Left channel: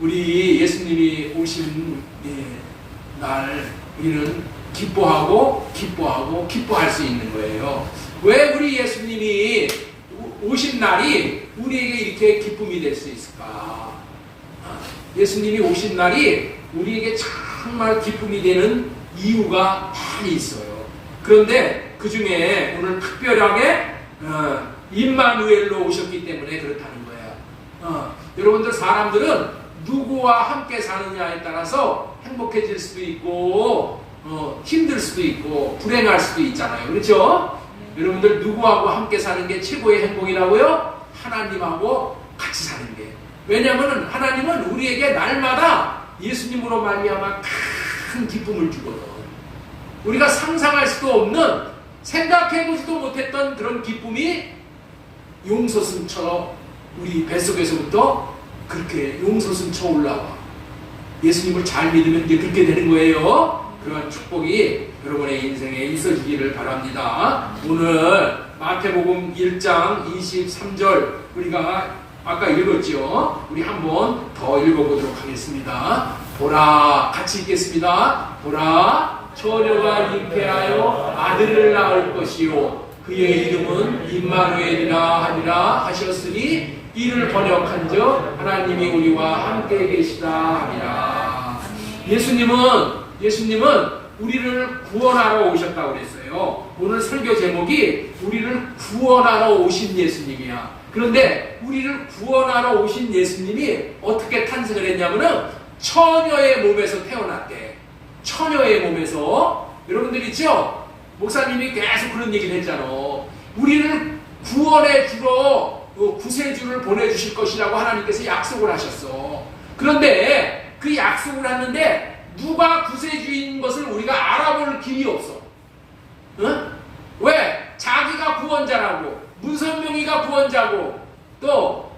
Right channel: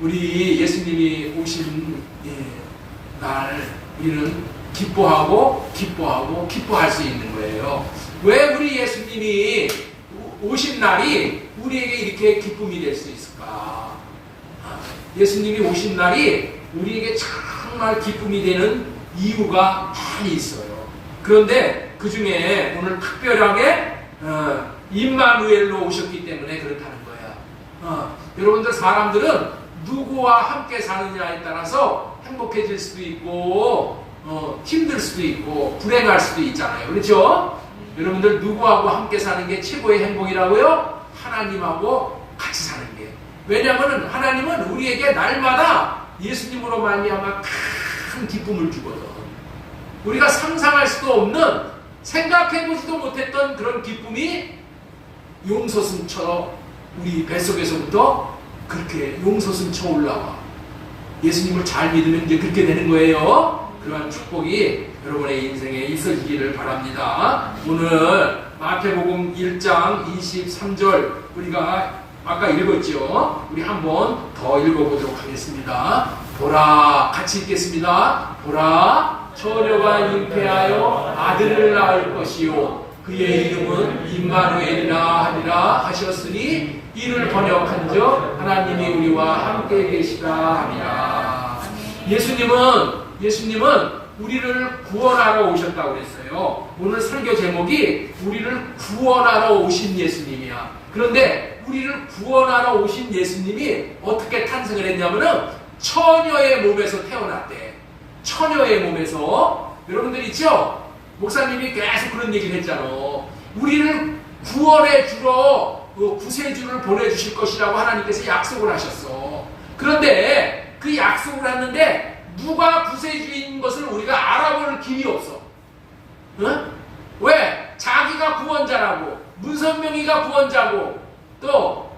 우리 예수님이 오신 날 우리는 기뻐하고 기뻐할 수 있는 거예요. 왜 우리 예수님이 오신 날이 우리에게 이렇게 기쁨이 될 수 있을까? 예수님이 오신 날이 우리에게 정말 기쁨이 되는 이유가 많이 있어요. 그런데 그 중에 오늘 특별하게 임마누엘로 오셨기 때문에 그렇다는 거야. 여러분들 사람들은 누구와 함께 사느냐에 따라서 행복해질 수도 있고 힘들 수도 있고 불행할 수도 있잖아요. 그렇죠? 여러분들 누구하고 함께 사는 게 최고의 행복이라고요? 하나님하고 같이 사는 게. 왜냐하면 하나님은 우리에게 날마다 예수님으로 말미암아 큰 기쁨을 주거든. 우리가 상상할 수도 없는, 생각해보지도 못했던 그런 기쁨이 용솟음처럼 우리 뱃속에서부터 그렇게 용솟음쳐 올라와. 예수님을 잘 믿으면 이제 그렇게 되는 거예요. 그런 축복이 여러분의 인생에 있어지기를 바랍니다. 오늘 마태복음 1장 23절 우리가 아까 읽었죠. 우리 한번 더 읽어보도록 하겠습니다. 보라, 같이 읽겠습니다. 보라, 처녀가 잉태하여 아들을 낳을 것이요 그의 이름은 임마누엘이라 하리라 하셨으니 이를 번역한즉 하나님이 우리와 함께 계시다 하리라. 예수님은 우리를 구원하러 오셨다고 그랬어요. 오늘 설교 제목이 우리를 구원하러 오신 예수님이야. 그런데 우리를 구원하러 오신 예수님이 어떻게 탄생을 했냐면은 처녀의 몸에서 태어났대. 처녀의 몸에서. 여러분들 있죠? 목사님이 계속 그런 얘기를 했잖아. 우리를 구원해 주러 구세주를 보내주실 것이라고 하나님께서 약속을 하셨어. 그런데 그 약속을 했는데 누가 구세주인 것을 우리가 알아볼 길이 없어. 응? 왜? 자기가 구원자라고, 문선명이가 구원자고, 또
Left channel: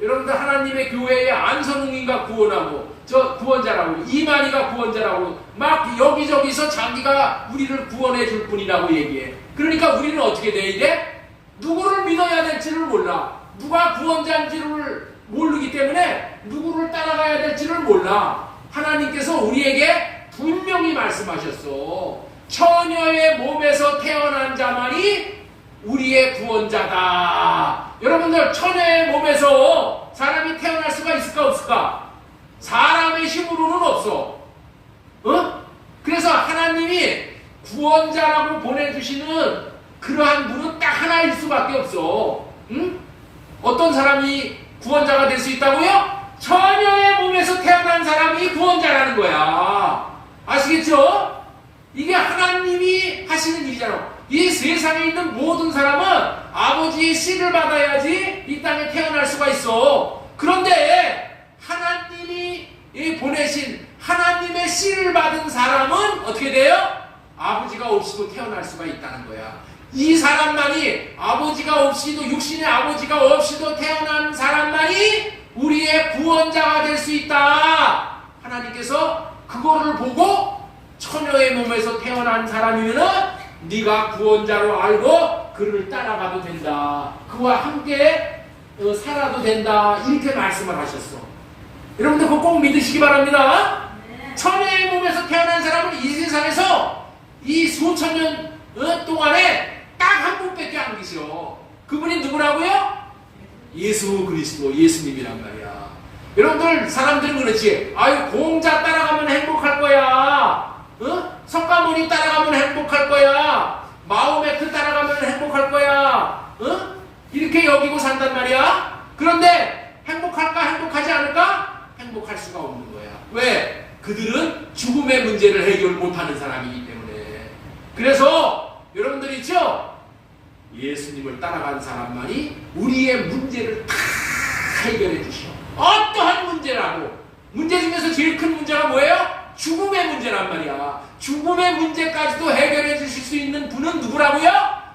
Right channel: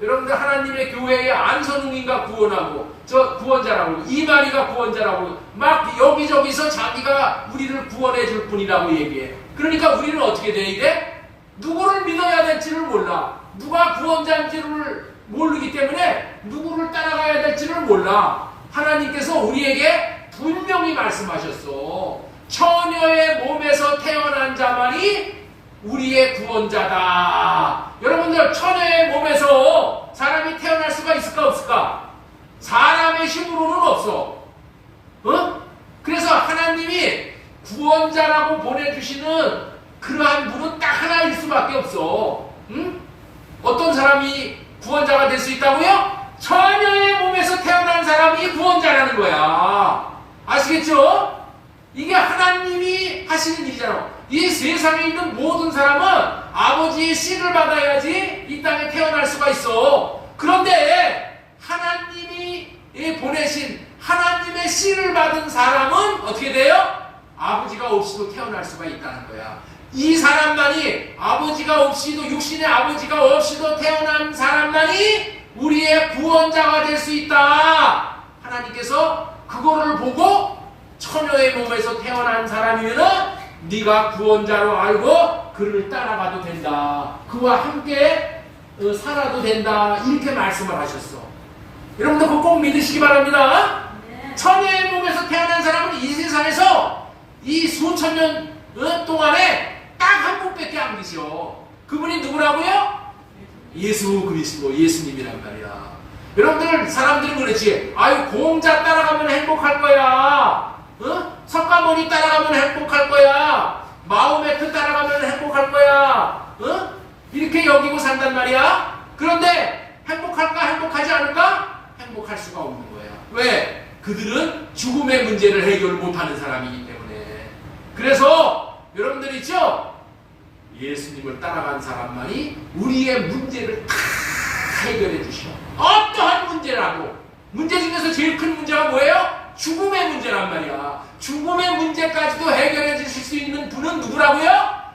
여러분들 하나님의 교회의 안선웅이가 구원하고, 저 구원자라고, 이만희가 구원자라고 막 여기저기서 자기가 우리를 구원해 줄 뿐이라고 얘기해. 그러니까 우리는 어떻게 돼야 돼? 누구를 믿어야 될지를 몰라. 누가 구원자인지를 모르기 때문에 누구를 따라가야 될지를 몰라. 하나님께서 우리에게 분명히 말씀하셨어. 처녀의 몸에서 태어난 자만이 우리의 구원자다. 여러분들 처녀의 몸에서 사람이 태어날 수가 있을까 없을까? 사람의 힘으로는 없어. 그래서 하나님이 구원자라고 보내주시는 그러한 분은 딱 하나일 수밖에 없어. 어떤 사람이 구원자가 될 수 있다고요? 처녀의 몸에서 태어난 사람이 구원자라는 거야. 아시겠죠? 이게 하나님이 하시는 일이잖아. 이 세상에 있는 모든 사람은 아버지의 씨를 받아야지 이 땅에 태어날 수가 있어. 그런데 하나님이 보내신 하나님의 씨를 받은 사람은 어떻게 돼요? 아버지가 없이도 태어날 수가 있다는 거야. 이 사람만이 아버지가 없이도, 육신의 아버지가 없이도 태어난 사람만이 우리의 구원자가 될 수 있다. 하나님께서 그거를 보고 처녀의 몸에서 태어난 사람이면은 네가 구원자로 알고 그를 따라가도 된다. 그와 함께 살아도 된다. 이렇게 말씀을 하셨어. 여러분들 그거 꼭 믿으시기 바랍니다. 처녀의 몸에서 태어난 사람은 이 세상에서 이 수천 년 동안에 딱 한 분밖에 안 계셔. 그분이 누구라고요? 예수 그리스도, 예수님이란 말이야. 여러분들 사람들은 그렇지. 아유, 공자 따라가면 행복할 거야. 석가모니 따라가면 행복할 거야. 마호메트 따라가면 행복할 거야. 이렇게 여기고 산단 말이야. 그런데 행복할까 행복하지 않을까? 행복할 수가 없는 거야. 왜? 그들은 죽음의 문제를 해결 못하는 사람이기 때문에. 그래서 여러분들 있죠? 예수님을 따라간 사람만이 우리의 문제를 다 해결해 주셔. 어떠한 문제라도. 문제 중에서 제일 큰 문제가 뭐예요? 죽음의 문제란 말이야. 죽음의 문제까지도 해결해 주실 수 있는 분은 누구라고요?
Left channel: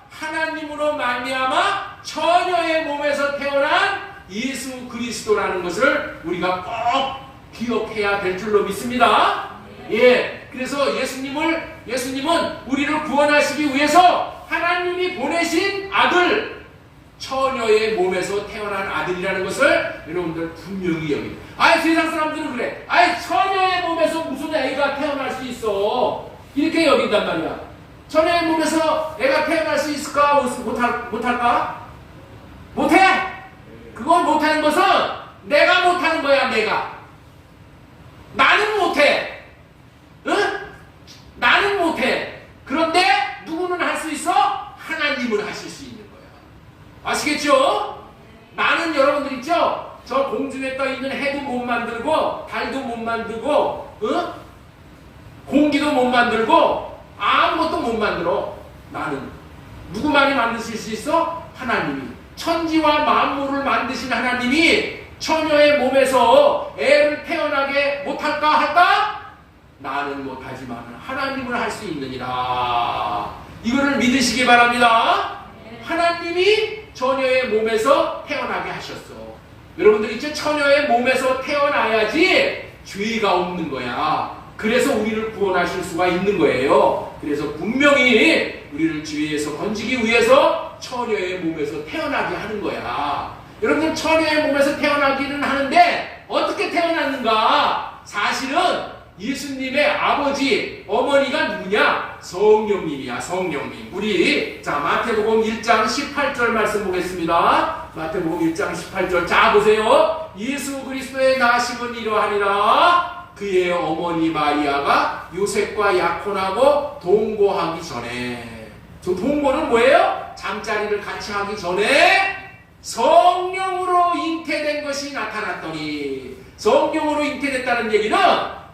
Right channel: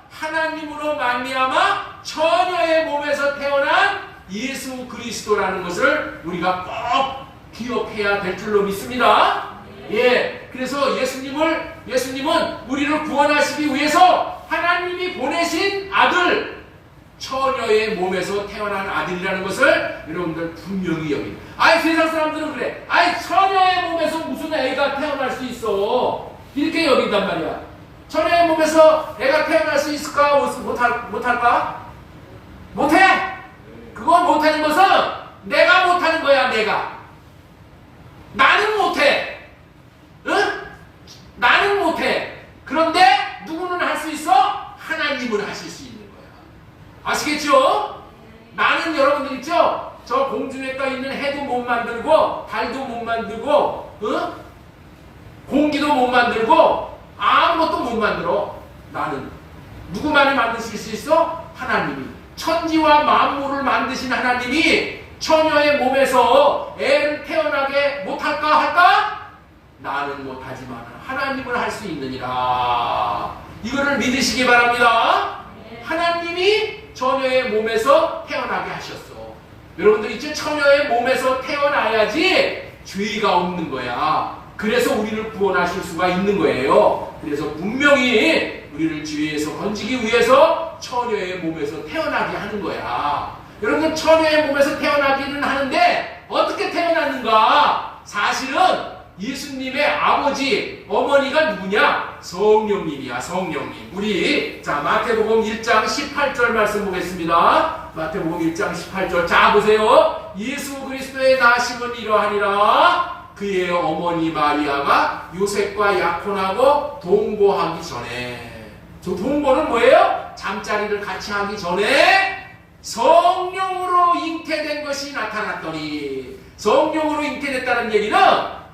하나님으로 말미암아 처녀의 몸에서 태어난 예수 그리스도라는 것을 우리가 꼭 기억해야 될 줄로 믿습니다. 예, 그래서 예수님은 우리를 구원하시기 위해서 하나님이 보내신 아들, 처녀의 몸에서 태어난 아들이라는 것을 여러분들 분명히 여기. 아이 세상 사람들은 그래. 아이 처녀의 몸에서 무슨 애가 태어날 수 있어? 이렇게 여긴단 말이야. 처녀의 몸에서 애가 태어날 수 있을까? 못할까? 못해. 그걸 못하는 것은 내가 못하는 거야. 내가. 나는 못해. 응? 나는 못해. 그런데 누구는 할 수 있어? 하나님은 하실 수 있는 거야. 아시겠죠? 나는 여러분들 있죠? 저 공중에 떠있는 해도 못 만들고 달도 못 만들고 응? 공기도 못 만들고 아무것도 못 만들어. 나는. 누구만이 만드실 수 있어? 하나님이. 천지와 만물을 만드신 하나님이 처녀의 몸에서 애를 태어나게 못할까 할까? 나는 못하지만 하나님은 할 수 있느니라. 이거를 믿으시기 바랍니다. 하나님이 처녀의 몸에서 태어나게 하셨어. 여러분들 이제 처녀의 몸에서 태어나야지 죄가 없는 거야. 그래서 우리를 구원하실 수가 있는 거예요. 그래서 분명히 우리를 죄에서 건지기 위해서 처녀의 몸에서 태어나게 하는 거야. 여러분들 처녀의 몸에서 태어나기는 하는데 어떻게 태어났는가? 사실은 예수님의 아버지, 어머니가 누구냐? 성령님이야. 성령님. 우리 자 마태복음 1장 18절 말씀 보겠습니다. 마태복음 1장 18절. 자 보세요. 예수 그리스도의 나심은 이러하니라. 그의 어머니 마리아가 요셉과 약혼하고 동거하기 전에. 저 동거는 뭐예요? 잠자리를 같이 하기 전에 성령으로 잉태된 것이 나타났더니. 성령으로 잉태됐다는 얘기는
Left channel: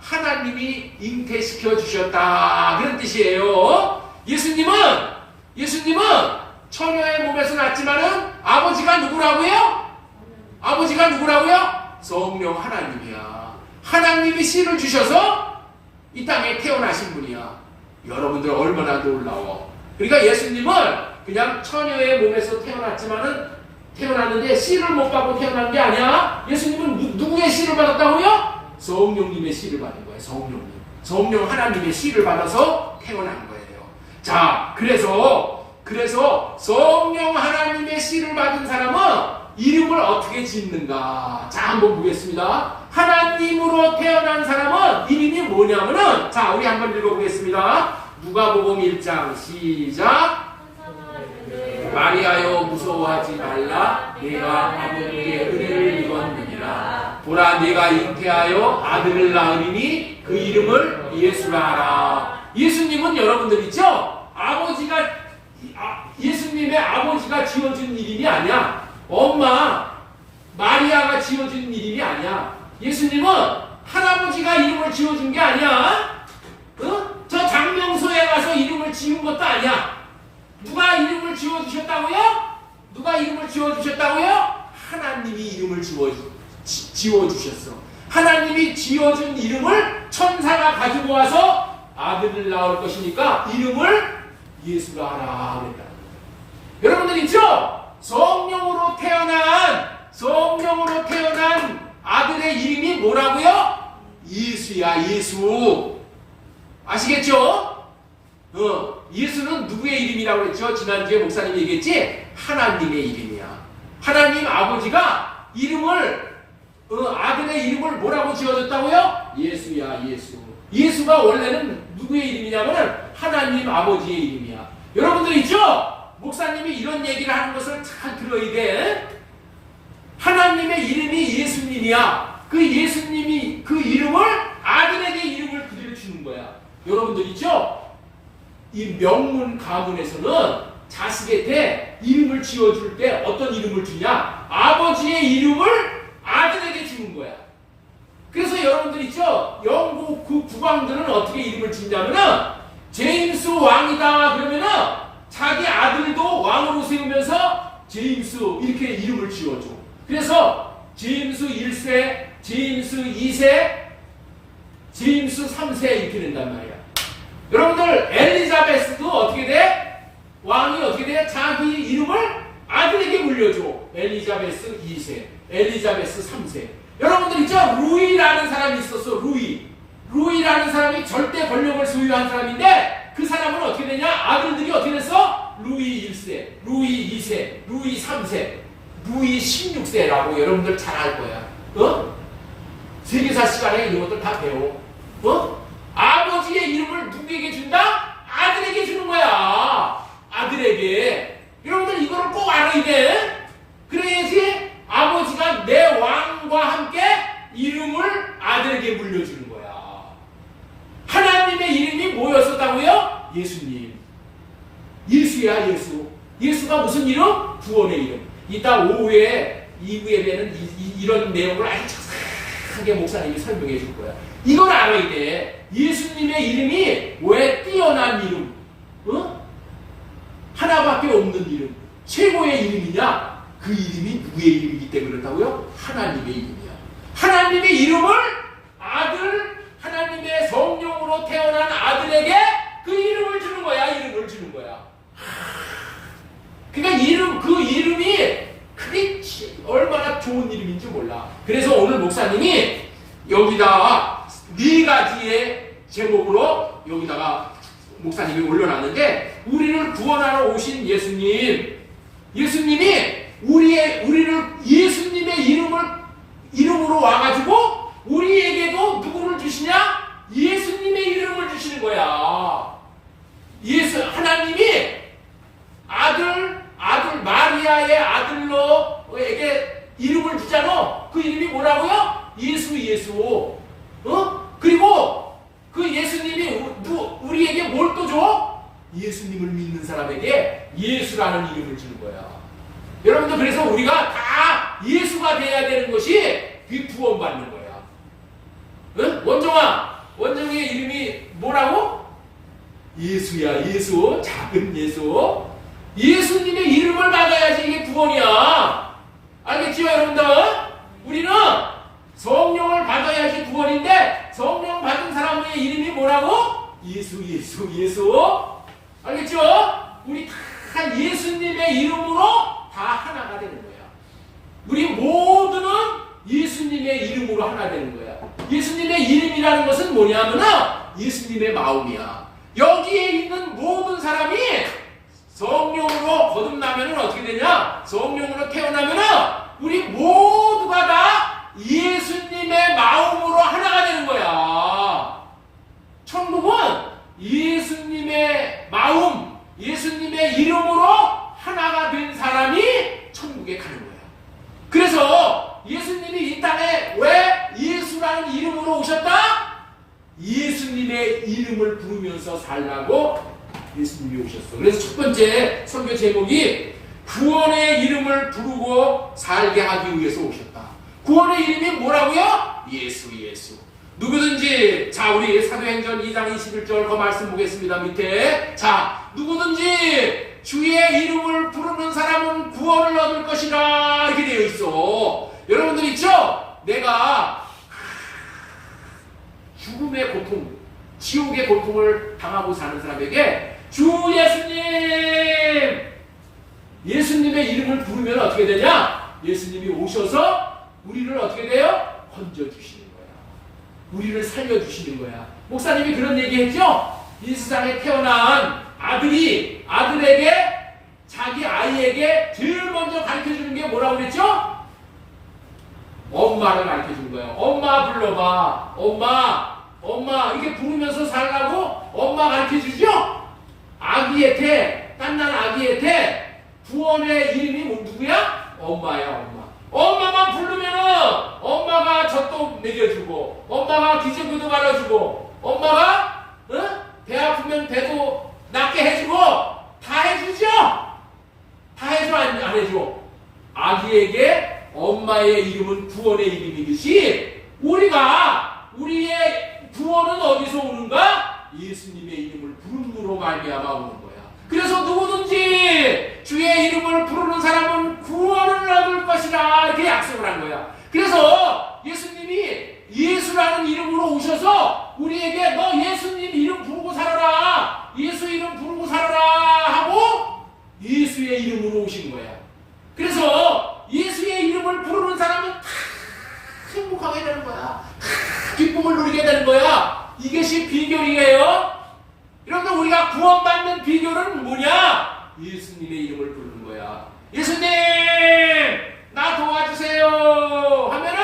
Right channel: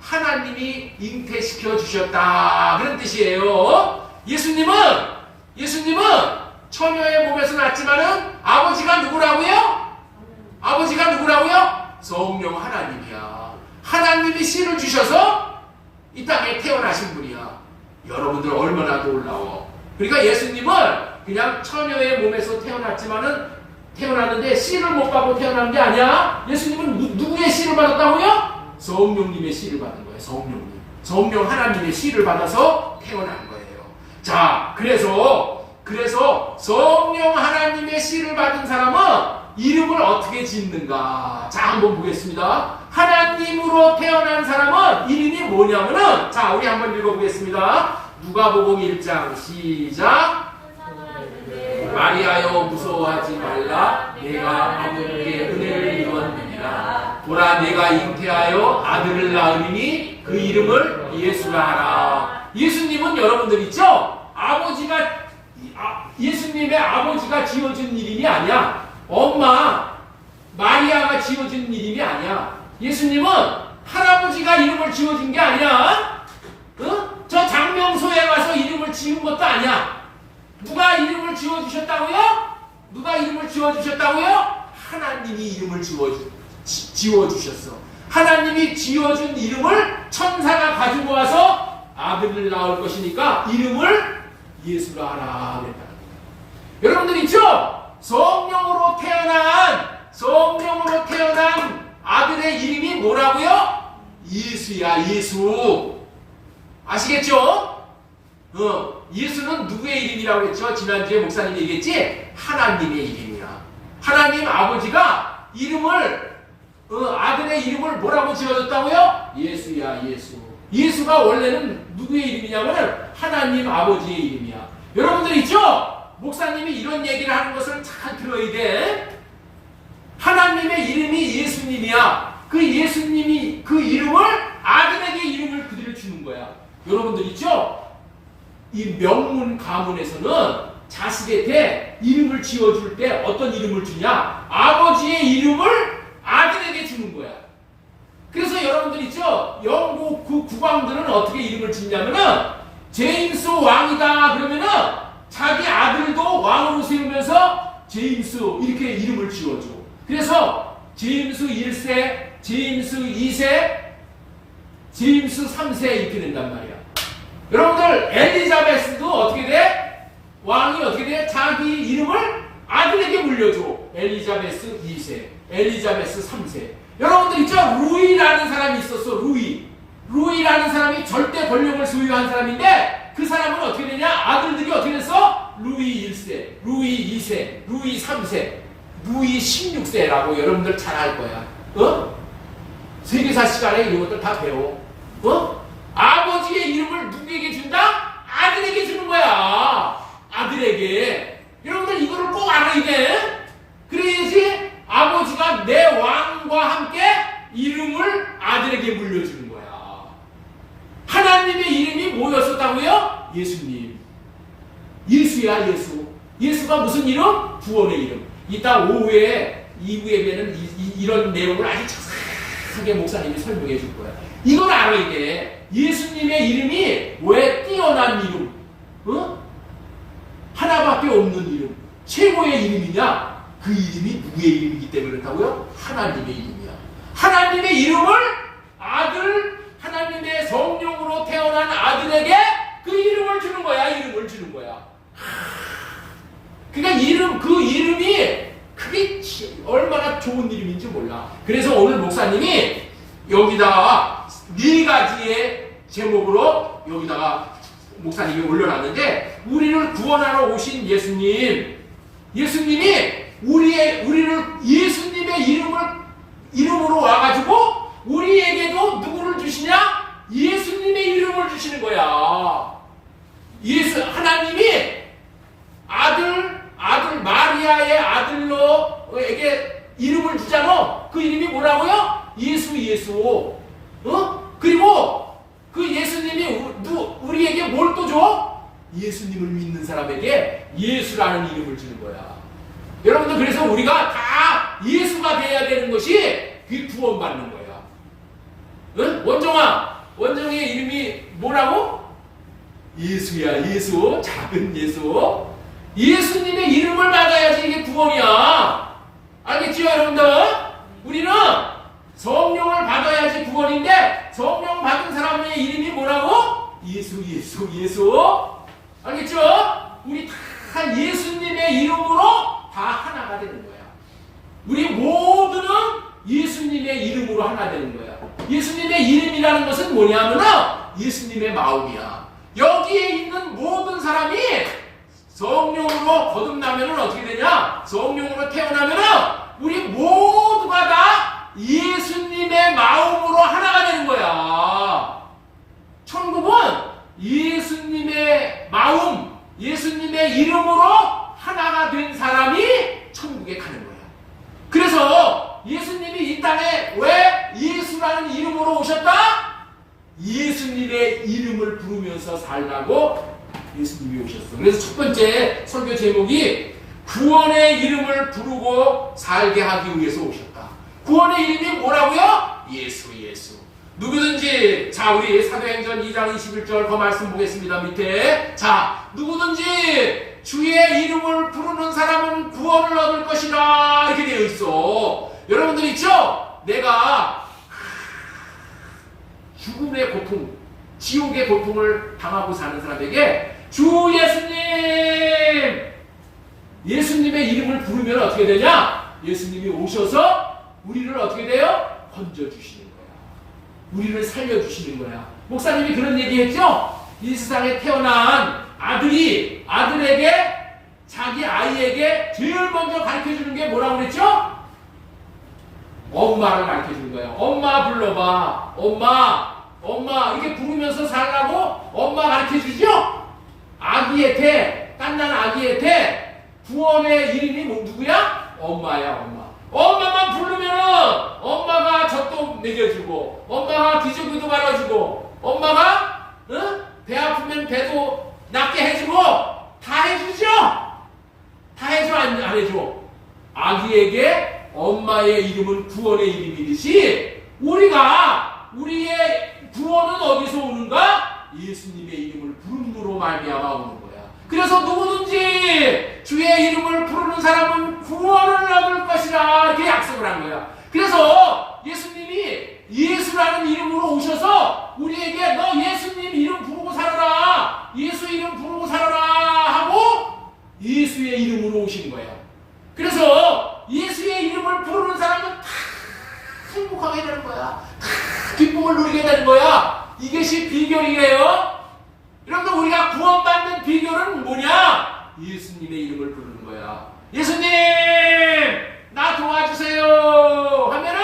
하나님이 잉태시켜 주셨다 그런 뜻이에요. 예수님은 처녀의 몸에서 났지만은 아버지가 누구라고요? 아버지가 누구라고요? 성령 하나님이야. 하나님이 씨를 주셔서 이 땅에 태어나신 분이야. 여러분들 얼마나 놀라워. 그러니까 예수님은 그냥 처녀의 몸에서 태어났는데 씨를 못 받고 태어난 게 아니야. 예수님은 누구의 씨를 받았다고요? 성령님의 씨를 받은 거예요. 성령님. 성령 하나님의 씨를 받아서 태어난 거예요. 자, 그래서 성령 하나님의 씨를 받은 사람은 이름을 어떻게 짓는가? 자, 한번 보겠습니다. 하나님으로 태어난 사람은 이름이 뭐냐면은, 자, 우리 한번 읽어보겠습니다. 누가복음 1장 시작. 마리아여 무서워하지 말라. 내가 아버지의 은혜를 입었느니라. 보라 내가 잉태하여 아들을 낳으리니 그 이름을 예수라 하라. 예수님은 여러분들 있죠? 예수님의 아버지가 지어준 이름이 아니야. 엄마 마리아가 지어준 이름이 아니야. 예수님은 할아버지가 이름을 지어준 게 아니야. 저 장명소에 가서 이름을 지은 것도 아니야. 누가 이름을 지어주셨다고요? 누가 이름을 지어주셨다고요? 하나님이 이름을 지어주셨어. 하나님이 지어준 이름을 천사가 가지고 와서 아들을 낳을 것이니까 이름을 예수라 하라 그랬다. 여러분들 있죠? 성령으로 태어난 아들의 이름이 뭐라고요? 예수야. 예수. 아시겠죠? 예수는 누구의 이름이라고 했죠? 지난주에 목사님 얘기했지? 하나님의 이름이야. 하나님 아버지가 아들의 이름을 뭐라고 지어줬다고요? 예수야. 예수. 예수가 원래는 누구의 이름이냐면은 하나님 아버지의 이름이야. 여러분들 있죠? 목사님이 이런 얘기를 하는 것을 잘 들어야 돼. 하나님의 이름이 예수님이야. 그 예수님이 그 이름을 아들에게 이름을 그대로 주는 거야. 여러분들 있죠? 이 명문 가문에서는 자식에게 이름을 지어줄 때 어떤 이름을 주냐? 아버지의 이름을 아들에게 주는 거야. 그래서 여러분들 있죠? 영국 그 국왕들은 어떻게 이름을 짓냐면은 제임스 왕이다 그러면은 자기 아들도 왕으로 세우면서 제임스 이렇게 이름을 지어줘. 그래서 제임스 1세, 제임스 2세, 제임스 3세 이렇게 된단 말이야. 여러분들 엘리자베스도 어떻게 돼? 왕이 어떻게 돼? 자기 이름을 아들에게 물려줘. 엘리자베스 2세, 엘리자베스 3세. 여러분들 있죠? 루이라는 사람이 있었어. 루이라는 사람이 절대 권력을 소유한 사람인데 그 사람은 어떻게 되냐? 아들들이 어떻게 됐어? 루이 1세, 루이 2세, 루이 3세, 루이 16세라고 여러분들 잘 알 거야. 세계사 시간에 이런 것들 다 배워. 아버지의 이름을 누구에게 준다? 아들에게 주는 거야. 아들에게. 여러분들 이거를 꼭 알아야 돼. 그래야지 아버지가 내 왕과 함께 이름을 아들에게 물려주는 거야. 하나님의 이름이 뭐였었다고요? 예수님. 예수야, 예수. 예수가 무슨 이름? 구원의 이름. 이따 오후에 2부에는 이런 내용을 아주 자세하게 목사님이 설명해 줄 거야. 이걸 알아야 돼. 예수님의 이름이 왜 뛰어난 이름? 하나밖에 없는 이름. 최고의 이름이냐? 그 이름이 누구의 이름이기 때문에 그렇다고요? 하나님의 이름이야. 하나님의 이름을 하나님의 성령으로 태어난 아들에게 그 이름을 주는 거야. 이름을 주는 거야. 그러니까 그 이름이 그게 얼마나 좋은 이름인지 몰라. 그래서 오늘 목사님이 여기다가 4가지의 제목으로 여기다가 목사님이 올려놨는데, 우리를 구원하러 오신 예수님이 우리를 예수님의 이름으로 와가지고 우리에게도 누구를 주시냐? 예수님의 이름을 주시는 거야. 하나님이 아들 마리아의 아들로에게 이름을 주잖아. 그 이름이 뭐라고요? 예수. 그리고 그 예수님이 우리에게 뭘 또 줘? 예수님을 믿는 사람에게 예수라는 이름을 주는 거야. 여러분들, 그래서 우리가 다 예수가 돼야 되는 것이 그 구원받는 거야. 원정의 이름이 뭐라고? 예수야, 예수. 작은 예수. 예수님의 이름을 받아야지 이게 구원이야. 알겠지요, 여러분들? 우리는 성령을 받아야지 구원인데, 성령 받은 사람의 이름이 뭐라고? 예수. 알겠죠? 우리 다 예수님의 이름으로 다 하나가 되는 거야. 우리 모두는 예수님의 이름으로 하나 되는 거야. 예수님의 이름이라는 것은 뭐냐면은 예수님의 마음이야. 여기에 있는 모든 사람이 성령으로 거듭나면은 어떻게 되냐? 성령으로 태어나면은 우리 모두가 다 예수님의 마음으로 하나가 되는 거야. 천국은 예수님의 마음, 예수님의 이름으로 하나가 된 사람이 천국에 가는 거야. 그래서 예수님이 이 땅에 왜 예수라는 이름으로 오셨다? 예수님의 이름을 부르면서 살라고 예수님이 오셨어. 그래서 첫 번째 설교 제목이 구원의 이름을 부르고 살게 하기 위해서 오셨다. 구원의 이름이 뭐라고요? 예수. 누구든지, 자, 우리 사도행전 2장 21절 그 말씀 보겠습니다. 밑에. 자, 누구든지 주의 이름을 부르는 사람은 구원을 얻을 것이라, 이렇게 되어 있어. 여러분들 있죠? 내가 죽음의 고통, 지옥의 고통을 당하고 사는 사람에게 주 예수님의 이름을 부르면 어떻게 되냐? 예수님이 오셔서 우리를 어떻게 돼요? 건져주시는 거야. 우리를 살려주시는 거야. 목사님이 그런 얘기했죠? 이 세상에 태어난 아들에게, 자기 아이에게 제일 먼저 가르쳐주는 게 뭐라고 그랬죠? 엄마를 가르쳐주는 거예요. 엄마 불러봐. 엄마 이렇게 부르면서 살라고 엄마 가르쳐주죠? 갓난 아기한테 구원의 이름이 누구야? 엄마야, 엄마. 엄마만 부르면은 엄마가 젖도 먹여주고, 엄마가 기저귀도 갈아주고, 엄마가 배 아프면 배도 낫게 해주고, 다 해주죠? 다 해줘, 안 해줘? 아기에게 엄마의 이름은 구원의 이름이듯이 우리의 구원은 어디서 오는가? 예수님의 이름을 부름으로 말미암아 오는 거야. 그래서 누구든지 주의 이름을 부르는 사람은 구원을 얻을 것이라, 이렇게 약속을 한 거야. 그래서 예수님이 예수라는 이름으로 오셔서 우리에게 너 예수님 이름 부르고 살아라, 예수 이름 부르고 살아라 하고 예수의 이름으로 오신 거야. 그래서 예수의 이름을 부르는 사람은 다 행복하게 되는 거야. 다 기쁨을 누리게 되는 거야. 이것이 비결이에요. 여러분들, 우리가 구원받는 비결은 뭐냐? 예수님의 이름을 부르는 거야. 예수님! 나 도와주세요! 하면은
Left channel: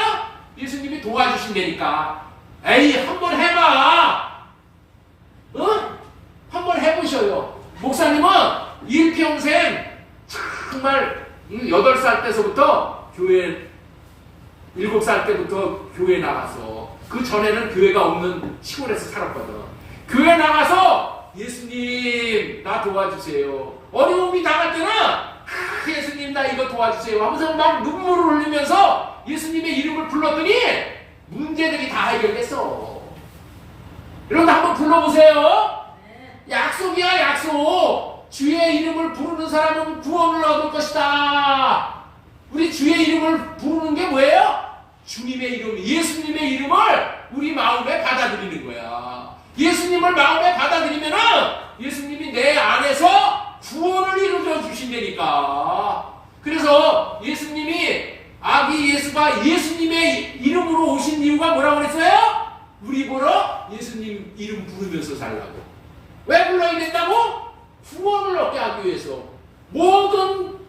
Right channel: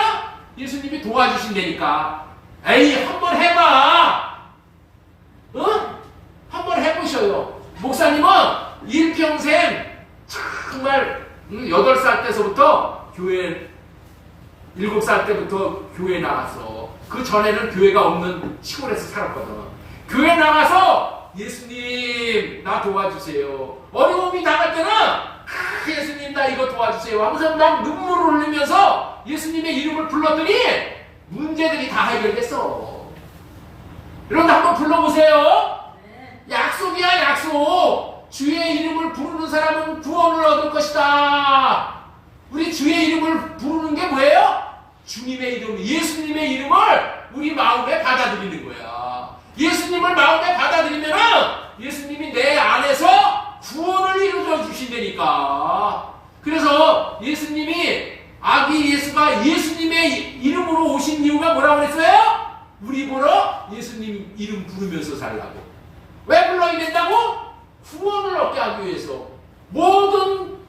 예수님이 도와주신다니까. 에이, 한번 해봐! 어? 한번 해보셔요. 목사님은 일평생 정말 8살 때서부터 교회, 7살 때부터 교회 나가서, 그 전에는 교회가 없는 시골에서 살았거든. 교회 나가서 예수님 나 도와주세요. 어려움이 나갈 때는 예수님 나 이거 도와주세요 하면서 막 눈물을 흘리면서 예수님의 이름을 불렀더니 문제들이 다 해결됐어. 여러분 한번 불러보세요. 약속이야, 약속. 주의 이름을 부르는 사람은 구원을 얻을 것이다. 우리 주의 이름을 부르는 게 뭐예요? 주님의 이름, 예수님의 이름을 우리 마음에 받아들이는 거야. 예수님을 마음에 받아들이면은 예수님이 내 안에서 구원을 이루어 주신다니까. 그래서 예수님이, 아기 예수가 예수님의 이름으로 오신 이유가 뭐라고 그랬어요? 우리 보러 예수님 이름 부르면서 살라고. 왜 불러야 된다고? 구원을 얻게 하기 위해서. 모든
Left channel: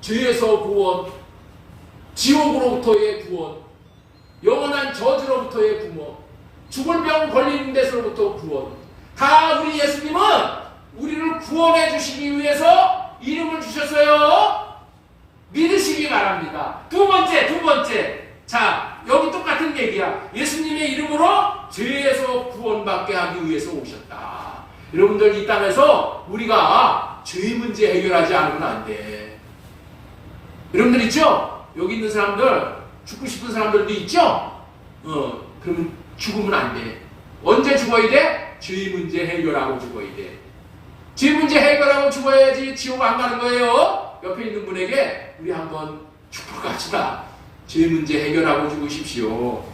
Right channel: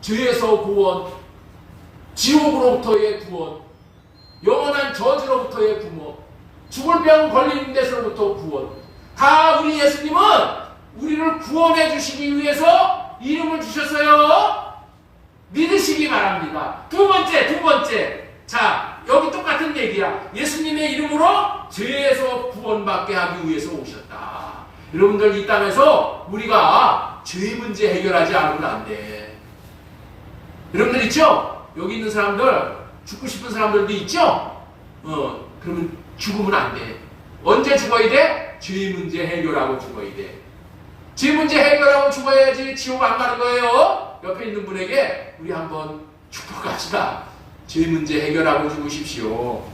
죄에서 구원, 지옥으로부터의 구원, 영원한 저주로부터의 구원, 죽을 병 걸리는 데서부터 구원. 다 우리 예수님은 우리를 구원해 주시기 위해서 이름을 주셨어요. 믿으시기 바랍니다. 두 번째. 자, 여기 똑같은 얘기야. 예수님의 이름으로 죄에서 구원받게 하기 위해서 오셨다. 여러분들 이 땅에서 우리가 죄 문제 해결하지 않으면 안 돼. 여러분들 있죠? 여기 있는 사람들, 죽고 싶은 사람들도 있죠? 그러면 죽으면 안 돼. 언제 죽어야 돼? 죄 문제 해결하고 죽어야 돼. 죄 문제 해결하고 죽어야지 지옥 안 가는 거예요. 옆에 있는 분에게 우리 한번 축복합시다. 죄 문제 해결하고 죽으십시오.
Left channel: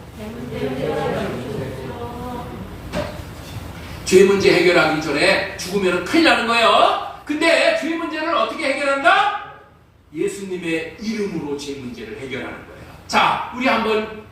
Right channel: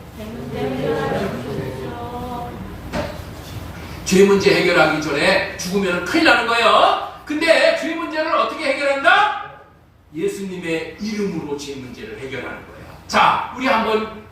죄 문제 해결하기 전에 죽으면 큰일 나는 거예요. 근데 죄 문제를 어떻게 해결한다? 예수님의 이름으로 죄 문제를 해결하는 거예요. 자, 우리 한번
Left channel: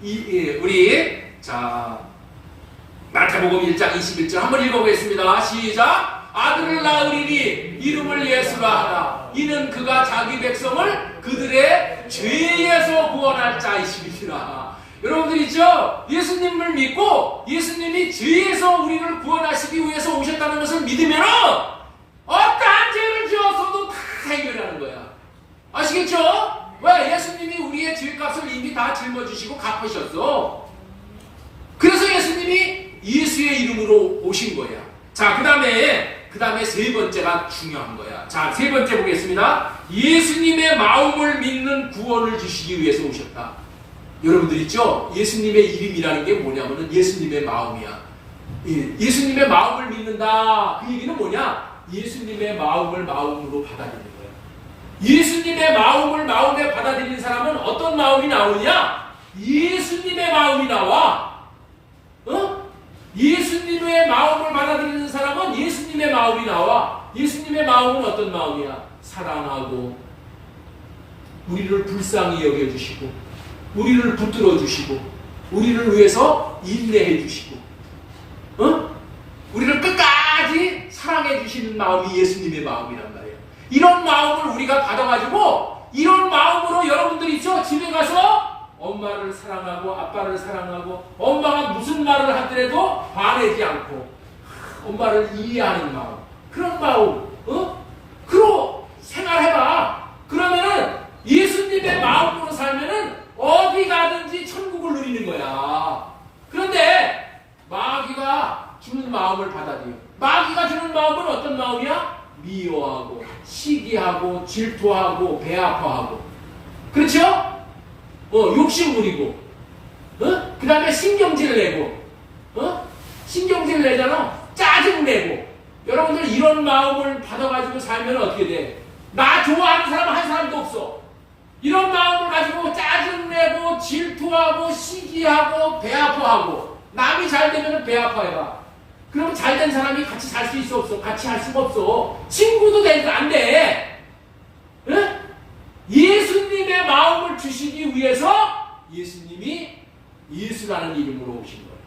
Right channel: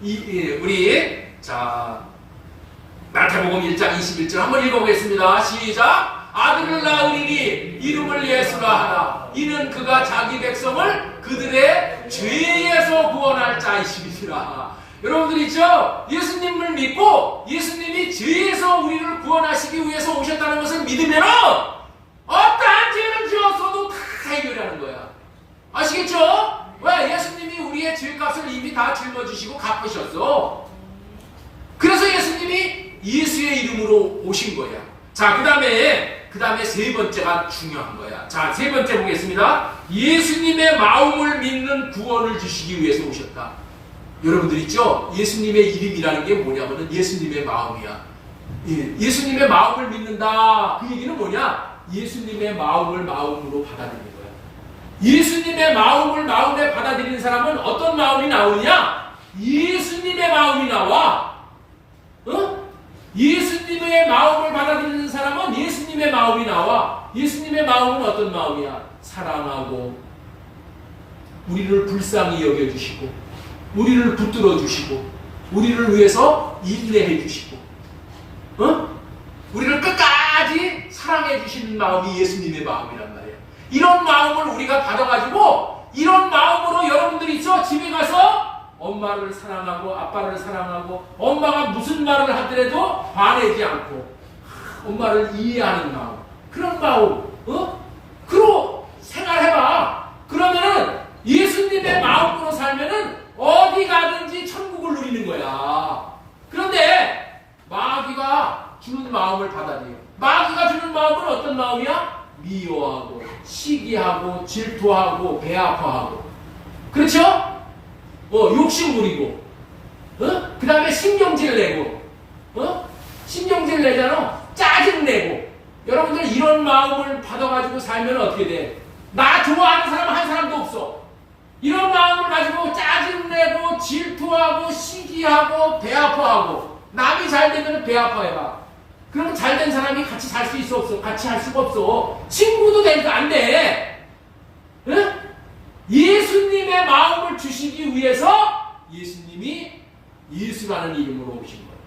마태복음 1장 21절 한번 읽어보겠습니다. 시작. 아들을 낳으리니 이름을 예수라 하라. 이는 그가 자기 백성을 그들의 죄에서 구원할 자이시니라. 여러분들 있죠? 예수님을 믿고 예수님이 죄에서 우리를 구원하시기 위해서 오셨다는 것을 믿으면 어떠한 죄를 지었어도 다 해결하는 거야. 아시겠죠? 왜? 예수님이 우리의 죄값을 이미 다 짊어지시고 갚으셨어. 그래서 예수님이 예수의 이름으로 오신 거야. 자, 그 다음에 세 번째가 중요한 거야. 자, 세 번째 보겠습니다. 예수님의 마음을 믿는 구원을 주시기 위해서 오셨다. 여러분들 있죠? 예수님의 이름이라는 게 뭐냐면은 예수님의 마음이야. 예수님의 마음을 믿는다. 그 얘기는 뭐냐? 예수님의 마음을 마음으로 받아들이는 거야. 예수님의 마음을 마음에 받아들이는 사람은 어떤 마음이 나오냐? 예수님의 마음이 나와. 예수님의 마음을 받아들이는 사람은 예수님의 마음이 나와. 예수님의 마음은 어떤 마음이야? 사랑하고, 우리를 불쌍히 여겨주시고, 우리를 붙들어 주시고, 우리를 위해서 인내해 주시고, 우리를 끝까지 사랑해 주시는 마음이 예수님의 마음이란 말이야. 이런 마음을 우리가 받아가지고, 이런 마음으로 여러분들이 있죠? 집에 가서 엄마를 사랑하고 아빠를 사랑하고 엄마가 무슨 말을 하더라도 화내지 않고 엄마를 이해하는 마음, 그런 마음, 그로 생활해봐. 그러면은 예수님의 마음으로 살면은 어디 가든지 천국을 누리는 거야. 그런데 마귀가 주는 마음을 받아들여. 마귀가 주는 마음은 어떤 마음이야? 미워하고 시기하고 질투하고 배 아파하고, 그렇죠? 욕심 부리고, 그 다음에 신경질 내고, 신경질 내잖아. 짜증 내고. 여러분들 이런 마음을 받아가지고 살면 어떻게 돼? 나 좋아하는 사람 한 사람도 없어. 이런 마음을 가지고 짜증 내고 질투하고 시기하고 배 아파하고. 남이 잘 되면 배 아파해봐. 그럼 잘된 사람이 같이 살 수 있어 없어? 같이 할 수가 없어. 친구도 되니까 안 돼. 예수님의 마음을 주시기 위해서 예수님이 예수라는 이름으로 오신 거예요.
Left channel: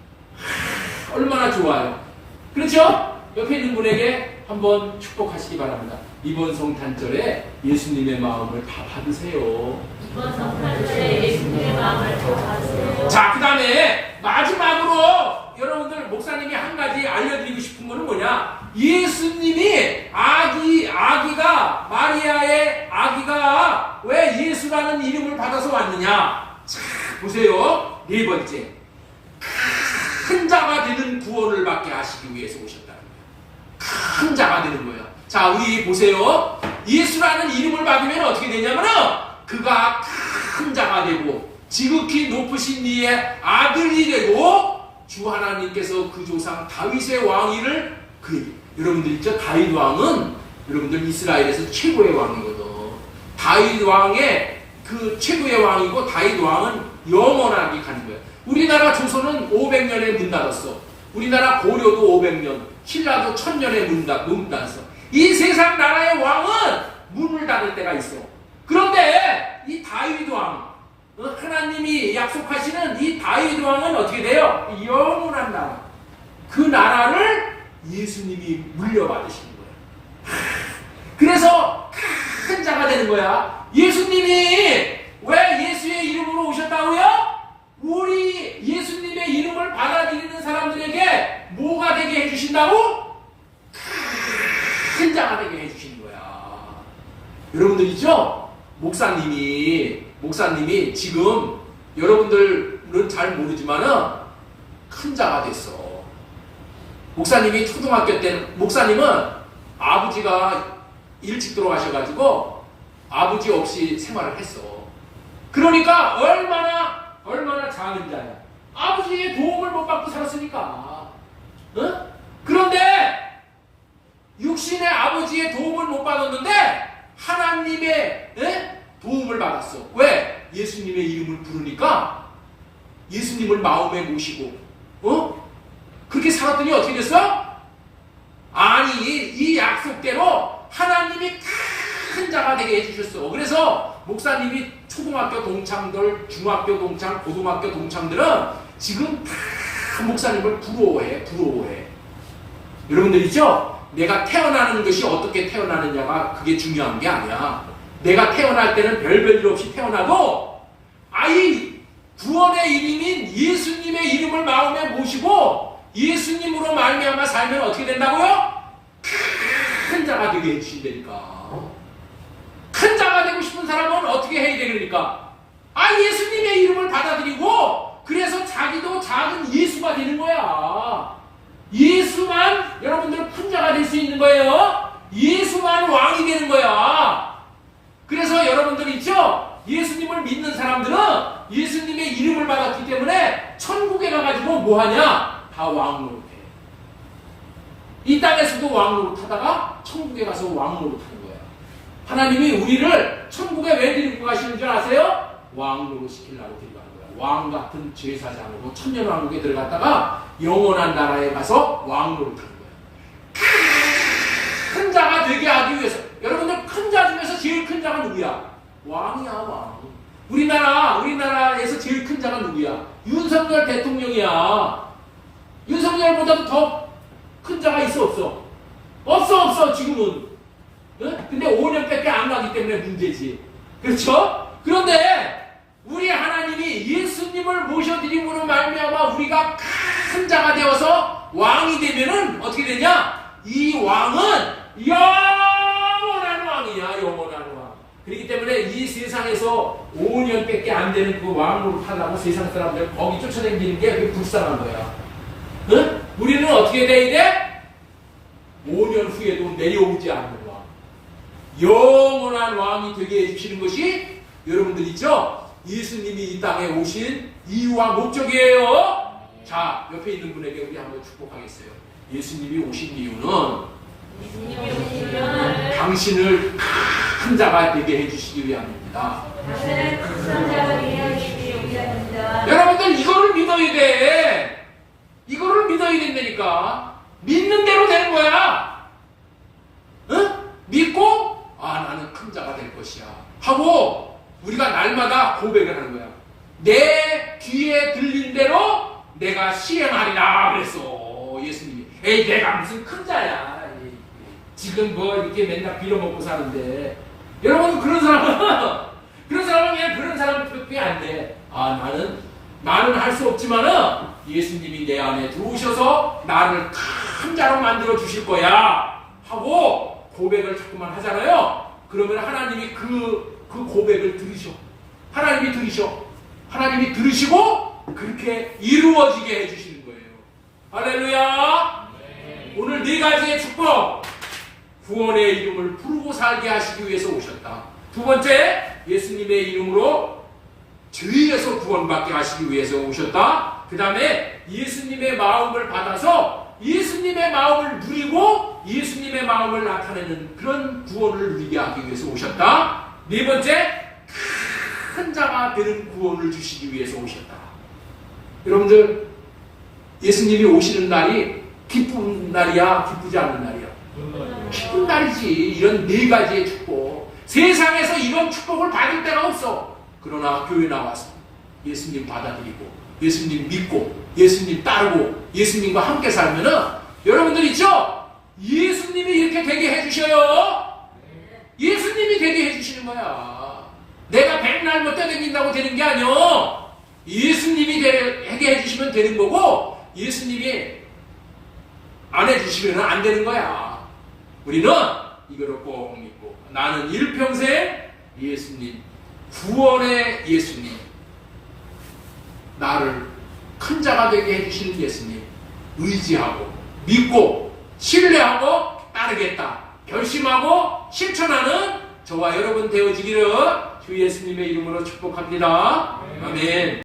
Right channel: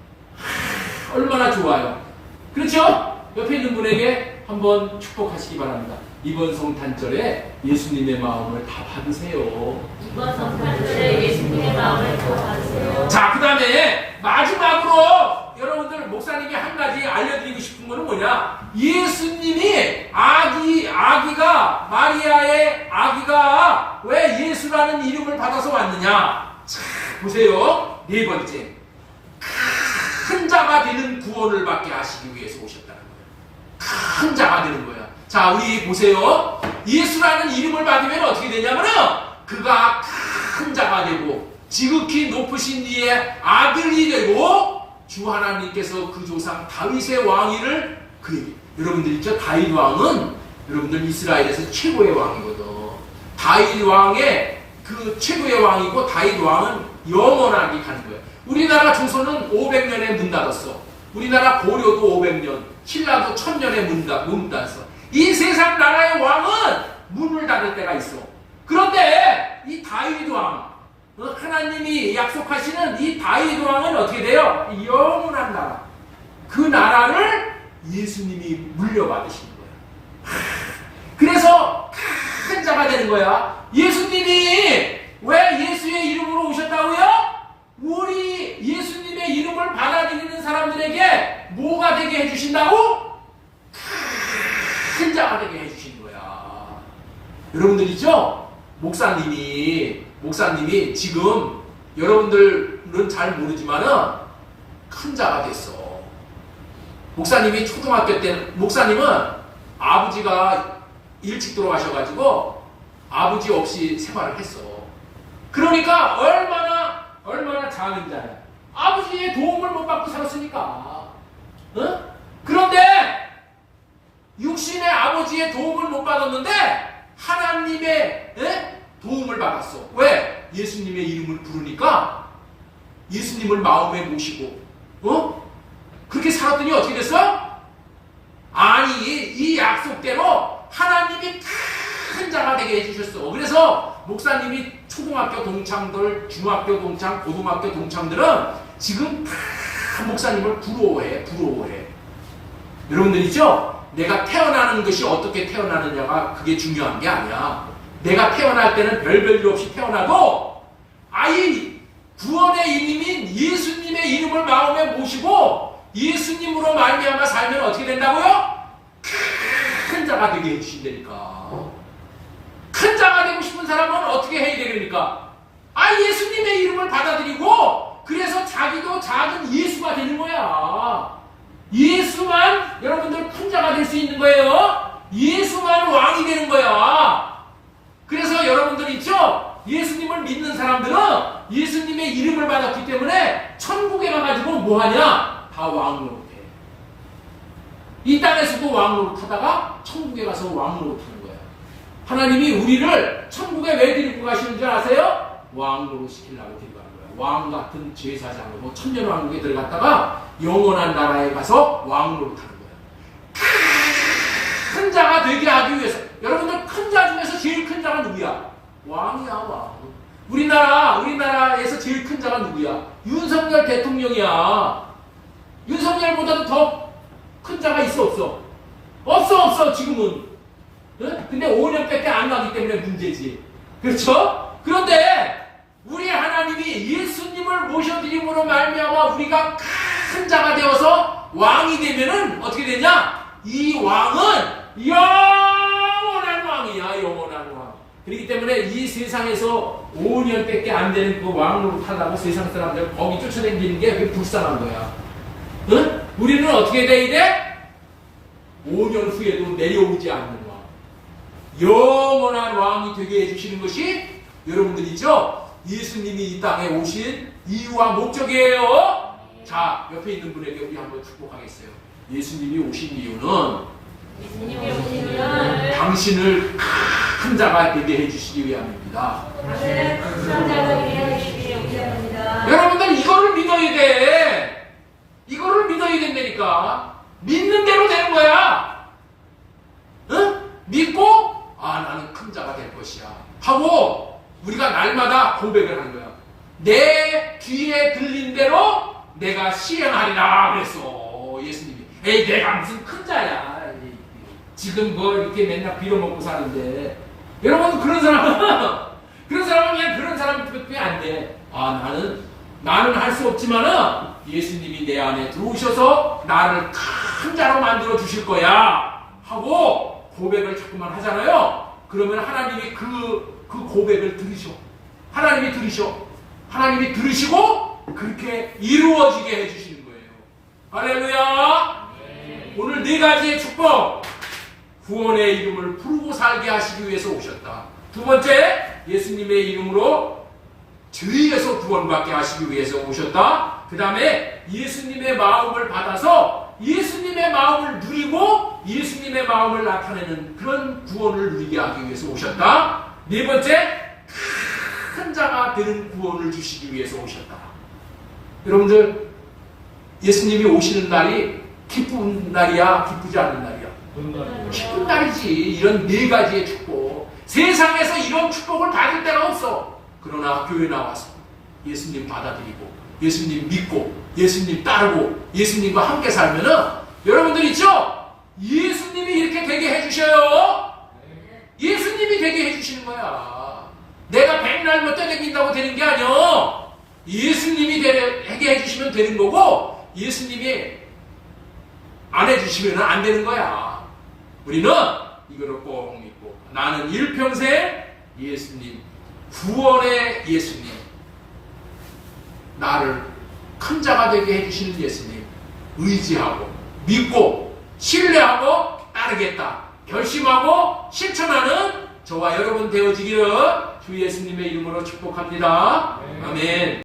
얼마나 좋아요. 그렇죠? 옆에 있는 분에게 한번 축복하시기 바랍니다. 이번 성탄절에 예수님의 마음을 다 받으세요. 이번 성탄절에 예수님의 마음을 또 받으세요. 자, 그 다음에 마지막으로 여러분들 목사님이 한 가지 알려드리고 싶은 거는 뭐냐? 예수님이 아기가 마리아의 아기가 왜 예수라는 이름을 받아서 왔느냐? 자, 보세요. 네 번째, 큰 자가 되는 구원을 받게 하시기 위해서 오셨다는 거예요. 큰 자가 되는 거야. 자, 우리 보세요. 예수라는 이름을 받으면 어떻게 되냐면은 그가 큰 자가 되고 지극히 높으신 이의 아들이 되고 주 하나님께서 그 조상 다윗의 왕위를 여러분들 있죠? 다윗 왕은 여러분들 이스라엘에서 최고의 왕이거든. 다윗 왕의 그 최고의 왕이고 다윗 왕은 영원하게 가는 거야. 우리나라 조선은 500년에 문 닫았어. 우리나라 고려도 500년, 신라도 1000년에 문 닫았어. 이 세상 나라의 왕은 문을 닫을 때가 있어. 그런데 이 다윗 왕, 하나님이 약속하시는 이 다윗 왕은 어떻게 돼요? 영원한 나라. 그 나라를 예수님이 물려받으시는 거야. 그래서 큰 자가 되는 거야. 예수님이 왜 예수의 이름으로 오셨다고요? 우리 예수님의 이름을 받아들이는 사람들에게 뭐가 되게 해주신다고? 큰 자가 되게 해주시는 거야. 여러분들 있죠? 목사님이 지금 여러분들은 잘 모르지만은 큰 자가 됐어. 목사님이 초등학교 때는, 목사님은 아버지가 일찍 돌아가셔가지고 아버지 없이 생활을 했어. 그러니까 얼마나 작은 자야. 아버지의 도움을 못 받고 살았으니까. 응? 그런데 육신의 아버지의 도움을 못 받았는데 하나님의 도움을 받았어. 왜? 예수님의 이름을 부르니까 예수님을 마음에 모시고 그렇게 살았더니 어떻게 됐어? 아니 이 약속대로 하나님이 큰 자가 되게 해주셨어. 그래서 목사님이 초등학교 동창들, 중학교 동창, 고등학교 동창들은 지금 다 목사님을 부러워해. 여러분들 있죠? 내가 태어나는 것이 어떻게 태어나느냐가 그게 중요한 게 아니야. 내가 태어날 때는 별별 일 없이 태어나도 구원의 이름인 예수님의 이름을 마음에 모시고 예수님으로 말미암아 살면 어떻게 된다고요? 큰 자가 되게 해주신다니까. 큰 자가 되고 싶은 사람은 어떻게 해야 되니까? 예수님의 이름을 받아들이고 그래서 자기도 작은 예수가 되는 거야. 예수만 여러분들 큰 자가 될 수 있는 거예요. 예수만 왕이 되는 거야. 그래서 여러분들 있죠? 예수님을 믿는 사람들은 예수님의 이름을 받았기 때문에 천국에 가가지고 뭐하냐? 다 왕노릇해. 이 땅에서도 왕노릇 하다가 천국에 가서 왕노릇 하는 거야. 하나님이 우리를 천국에 왜 데리고 가시는 줄 아세요? 왕노릇 시키려고 데리고 가는 거야. 왕 같은 제사장으로 천년왕국에 들어갔다가 영원한 나라에 가서 왕노릇 하는 거야. 큰 자가 되게 하기 위해서. 여러분들 큰 자 중에서 제일 큰 자가 누구야? 왕이야, 왕. 우리나라에서 제일 큰 자가 누구야? 윤석열 대통령이야. 윤석열보다도 더 큰 자가 있어, 없어? 없어, 지금은. 근데 5년밖에 안 가기 때문에 문제지. 그렇죠? 그런데 우리 하나님이 예수님을 모셔드림으로 말미암아 우리가 큰 자가 되어서 왕이 되면은 어떻게 되냐? 이 왕은 영원한 왕이야, 영원한 왕. 그렇기 때문에 이 세상에서 5년밖에 안 되는 그 왕으로 타다고 세상 사람들 거기 쫓아다니는 게 그게 불쌍한 거야. 응? 우리는 어떻게 돼야 돼? 5년 후에도 내려오지 않는 왕. 영원한 왕이 되게 해주시는 것이 여러분들 있죠? 예수님이 이 땅에 오신 이유와 목적이에요. 자, 옆에 있는 분에게 우리 한번 축복하겠어요. 예수님이 오신 이유는 당신을 큰 자가 되게 해주시기 위함입니다. 여러분들 이거를 믿어야 돼. 이거를 믿어야 된다니까. 믿는 대로 되는 거야. 응? 믿고 나는 큰 자가 될 것이야 하고 우리가 날마다 고백을 하는 거야. 내 귀에 들린 대로 내가 시행하리라 그랬어. 예수님이. 에이, 내가 무슨 큰 자야. 지금 뭐 이렇게 맨날 빌어먹고 사는데 여러분 그런 사람은 그냥 그런 사람밖에 안 돼. 아 나는 할 수 없지만은 예수님이 내 안에 들어오셔서 나를 큰 자로 만들어 주실 거야 하고 고백을 자꾸만 하잖아요. 그러면 하나님이 그 고백을 들으셔. 하나님이 들으시고 그렇게 이루어지게 해주시는 거예요. 할렐루야. 오늘 네 가지의 축복. 구원의 이름을 부르고 살게 하시기 위해서 오셨다. 두 번째, 예수님의 이름으로 죄에서 구원받게 하시기 위해서 오셨다. 그 다음에 예수님의 마음을 받아서 예수님의 마음을 누리고 예수님의 마음을 나타내는 그런 구원을 누리게 하기 위해서 오셨다. 네 번째, 큰 자가 되는 구원을 주시기 위해서 오셨다. 여러분들, 예수님이 오시는 날이 기쁜 날이야, 기쁘지 않은 날이야? 기쁜 날이지. 이런 네 가지의 축복. 세상에서 이런 축복을 받을 데가 없어. 그러나 교회 나와서 예수님 받아들이고 예수님 믿고 예수님 따르고 예수님과 함께 살면은 여러분들 있죠? 예수님이 이렇게 되게 해주셔요. 예수님이 되게 해주시는 거야. 내가 백날 못 떠댕긴다고 되는 게 아니야. 예수님이 되게 해주시면 되는 거고 예수님이 안 해주시면 안 되는 거야. 우리는 이거를 꼭 믿고 나는 일평생 예수님, 구원의 예수님, 나를 큰 자가 되게 해주시는 예수님 의지하고 믿고 신뢰하고 따르겠다 결심하고 실천하는 저와 여러분 되어지기를 주 예수님의 이름으로 축복합니다. 아멘.